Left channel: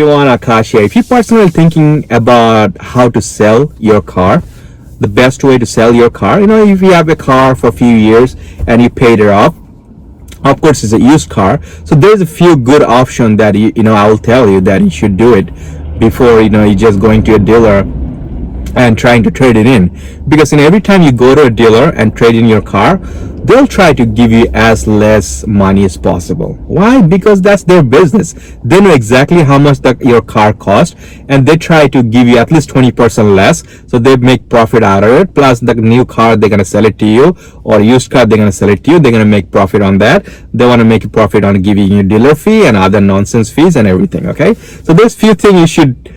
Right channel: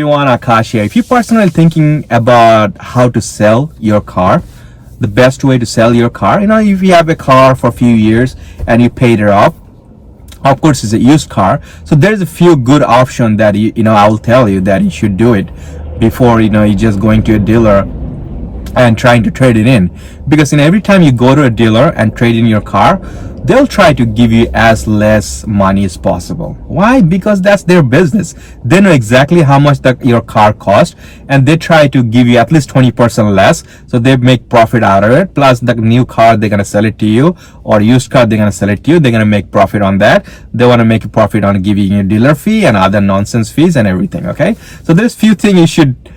Everyone, Akash here. If you're personally thinking about how to sell your car, the best way to sell your car, if you have a car for a few years and you paid it off, of course it's a used car, so there's a few good options that I will tell you that you should do it before you're just going to a dealer and trying to trade it in. Because every time you go to a dealer and trade in your car, they'll try to give you as less money as possible. Why? Because that's their business. They know exactly how much your car cost, and they try to give you at least 20% less, so they make profit out of it. Plus the new car, they're going to sell it to you, or used car, they're going to sell it to you. They're going to make profit on that. They want to make a profit on giving you dealer fee and other nonsense fees and everything. Okay, so there's few things you should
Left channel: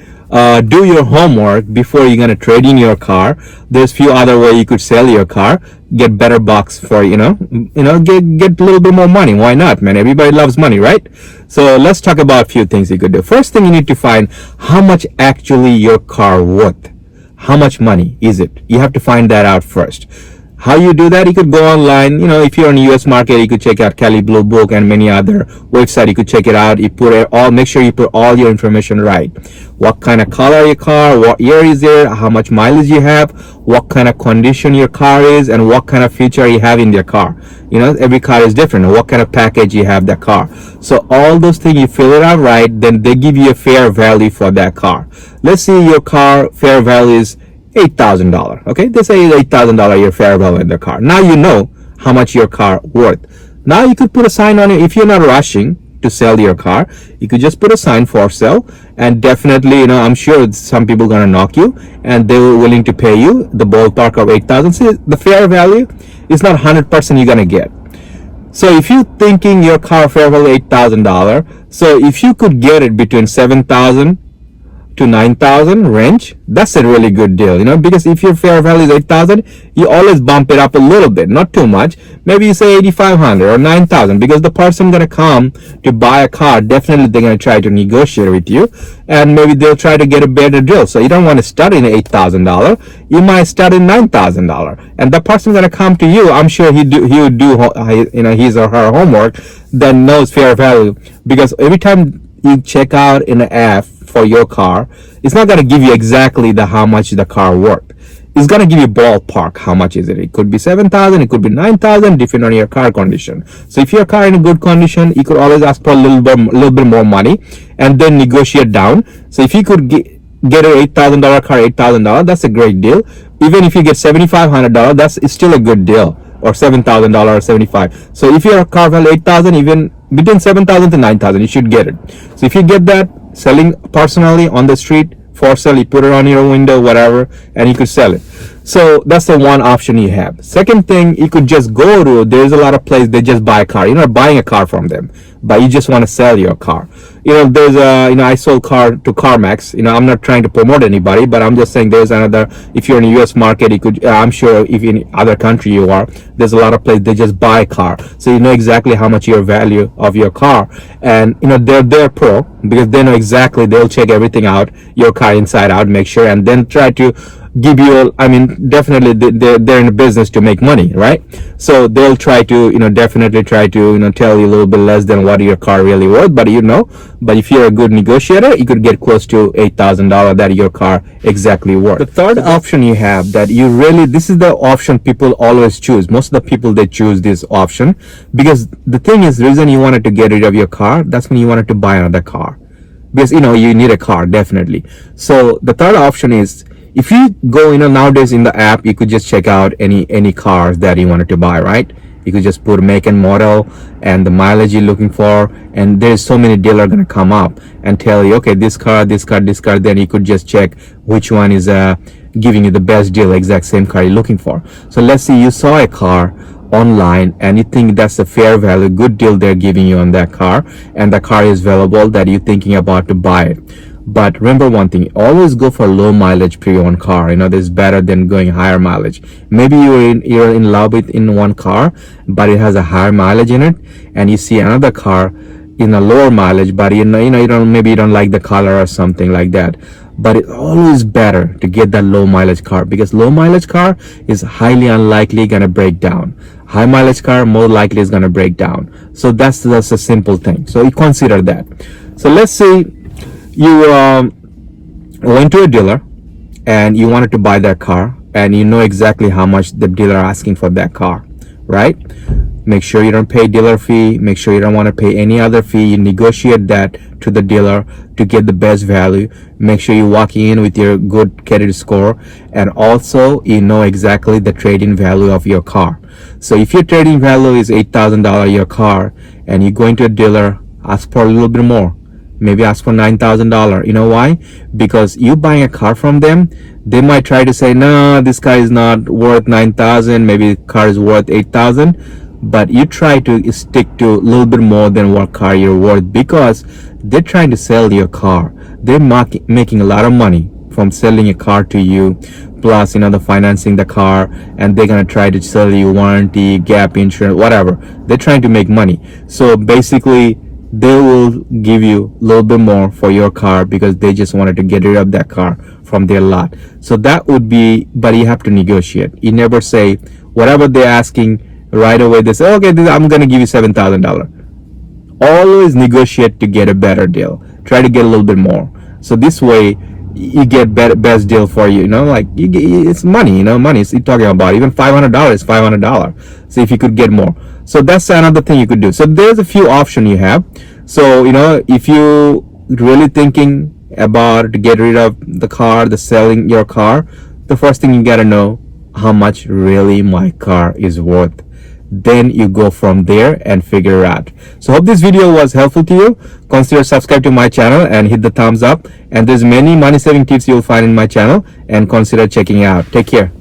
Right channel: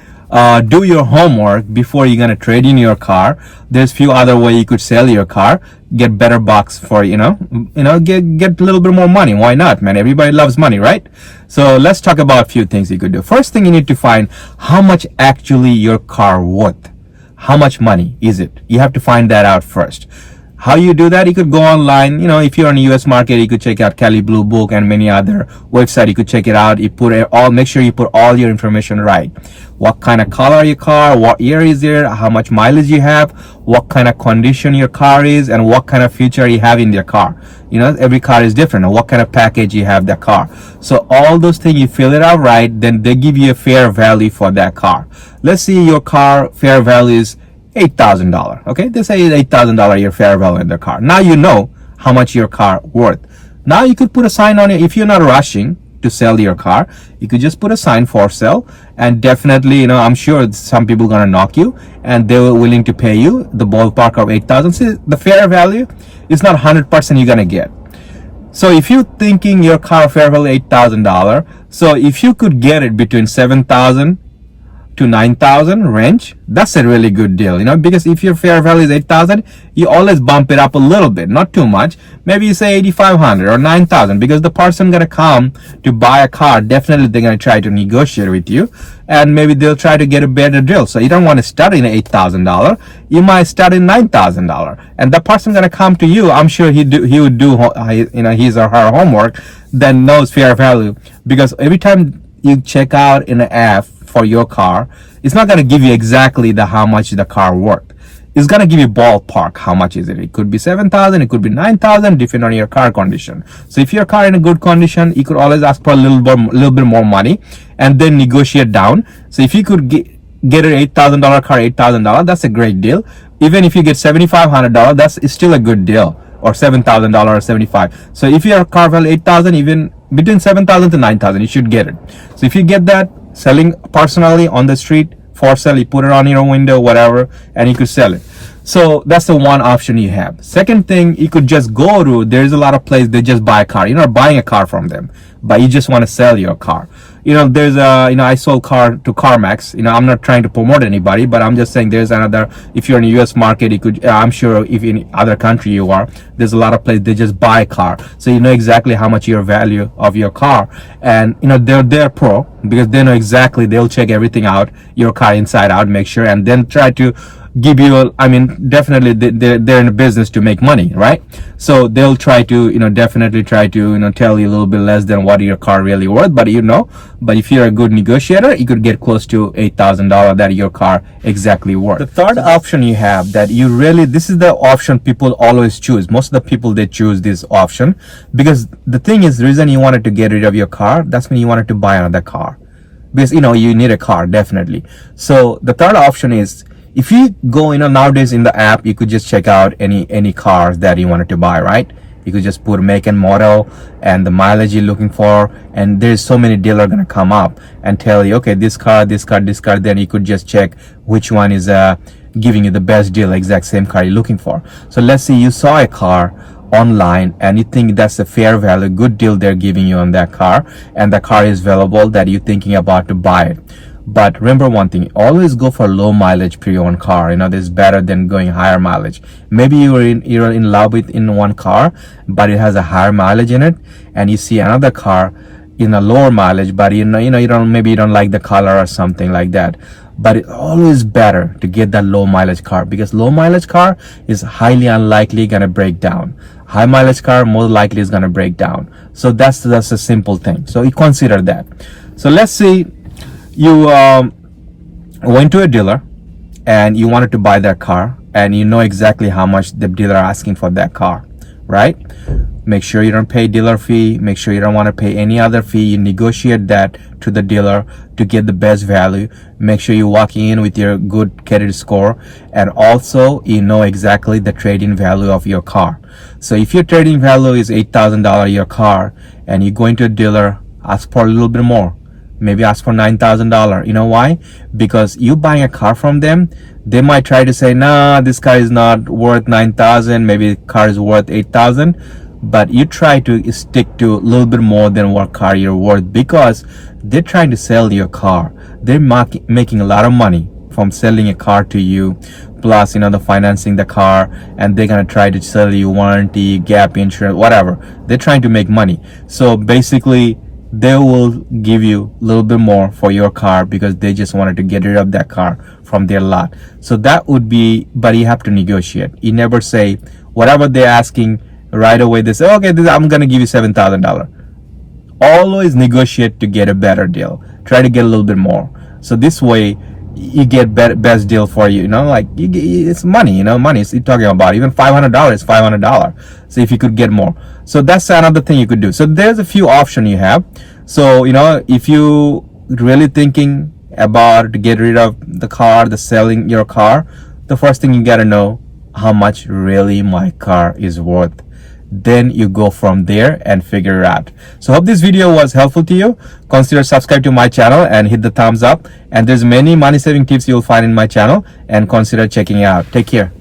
do your homework before you're gonna trade in your car. There's few other way you could sell your car, get better bucks for get a little bit more money. Why not, man? Everybody loves money, right? So let's talk about a few things you could do. First thing, you need to find how much actually your car worth. How much money is it? You have to find that out first. How you do that? You could go online. If you're in the US market, you could check out Kelley Blue Book and many other websites. You could check it out. You make sure you put all your information right. What kind of color your car, what year is it, how much mileage you have, what kind of condition your car is, and what kind of feature you have in your car. Every car is different, and what kind of package you have that car. So all those things, you fill it out right, then they give you a fair value for that car. Let's say your car fair value is $8,000. Okay, they say $8,000 your fair value in the car. Now you know how much your car worth. Now you could put a sign on it. If you're not rushing to sell your car, you could just put a sign for sale, and definitely I'm sure some people gonna knock you and they were willing to pay you the ballpark of 8,000. So the fair value is not 100% you're gonna get. So if you're thinking your car fair value $8,000, so if you could get it between 7,000 to 9,000 range, that's a really good deal, because if your fair value is 8,000, you always bump it up a little bit, not too much. Maybe you say 8,500 or 9,000, because the person gonna come to buy a car, definitely they're gonna try to negotiate with you, and maybe they'll try to get a better deal. So you don't want to start in $8,000, you might start in $9,000, and the person gonna come to you. I'm sure he would do his or her homework, then knows fair value, because every time you check out in an app for your car, it's not going to give you exactly how much the car worth. It's going to give you ballpark how much is it. It could be 7,000, it could be 9,000, depending on your car condition. So if your car in a good condition, you could always ask for a little bit more money and then negotiate down. So if you could get an $8,000 car, $8,000, that's a great deal. Even if you get $7,500, it's still a good deal. Or $7,000 or 75. So if your car value 8,000, even between 7,000 to 9,000, you should get it. So if you get that, selling personally on the street for sale, you put it on your window, whatever, and you could sell it. So that's the one option you have. Second thing, you could just go to, there's a lot of places they just buy a car. You're not buying a car from them, but you just want to sell your car. There's I sold car to CarMax. I'm not trying to promote anybody, but I'm just saying there's another, if you're in the US market, you could, I'm sure if in other country you are, there's a lot of places they just buy a car. So you know exactly how much your value of your car, and they're pro, because they know exactly, they'll check everything out, your car inside out, make sure, and then try to give you definitely they're in a business to make money, right? So they'll try to definitely try to tell you a little bit less than what your car really worth, but but if you're a good negotiator, you could get close to $8,000 that your car exactly worth. The third option you have that this is the option people always choose. Most of the people, they choose this option because the thing is, the reason you wanted to get rid of your car, that's when you wanted to buy another car, because you need a car, definitely. So the third option is, if you go, nowadays in the app, you could just check out any cars that you wanted to buy, right? You could just put make and model and the mileage you're looking for, and there's so many dealers gonna come up and tell you, okay, this car, then you could just check which one is giving you the best deal, exact same car you're looking for. So let's say you saw a car online and you think that's a fair value, good deal they're giving you on that car, and the car is valuable that you're thinking about to buy it. But remember one thing, always go for low mileage pre-owned car. This is better than going higher mileage. Maybe you're in love with one car, but it has a higher mileage in it, and you see another car in a lower mileage, but you don't like the color or something like that. But it's always better to get that low mileage car, because low mileage car is highly unlikely gonna break down. High mileage car more likely is gonna break down. So that's a simple thing. So you consider that. So let's say You went to a dealer and you wanted to buy that car, and you know exactly how much the dealer asking for that car, right? Make sure you don't pay dealer fee. Make sure you don't want to pay any other fee. You negotiate that to the dealer to get the best value. Make sure you walk in with your good credit score, and also you know exactly the trade-in value of your car. So if your trade-in value is $8,000 your car, and you go into a dealer, ask for a little bit more. Maybe ask for $9,000. You know why? Because you buying a car from them, they might try to say, no, this car is not worth 9,000. Maybe the car is worth 8,000. But you try to stick to a little bit more than what car you're worth, because they're trying to sell your car. They're making a lot of money from selling a car to you. Plus, the financing the car, and they're gonna try to sell you warranty, gap insurance, whatever. They're trying to make money. So basically, they will give you a little bit more for your car because they just wanted to get rid of that car from their lot. So that would be, but you have to negotiate. You never say whatever they're asking right away. They say, okay, I'm gonna give you $7,000. Always negotiate to get a better deal. Try to get a little bit more. So this way, you get best deal for you. It's money. Money. You're talking about even $500 is $500. So if you could get more, so that's another thing you could do. So there's a few options you have. So if you really thinking about to get rid of the car, selling your car, the first thing you gotta know how much really my car is worth. Then you go from there and figure it out. So hope this video was helpful to you. Consider subscribe to my channel and hit the thumbs up. And there's many money saving tips you'll find in my channel, and consider checking it out. Take care.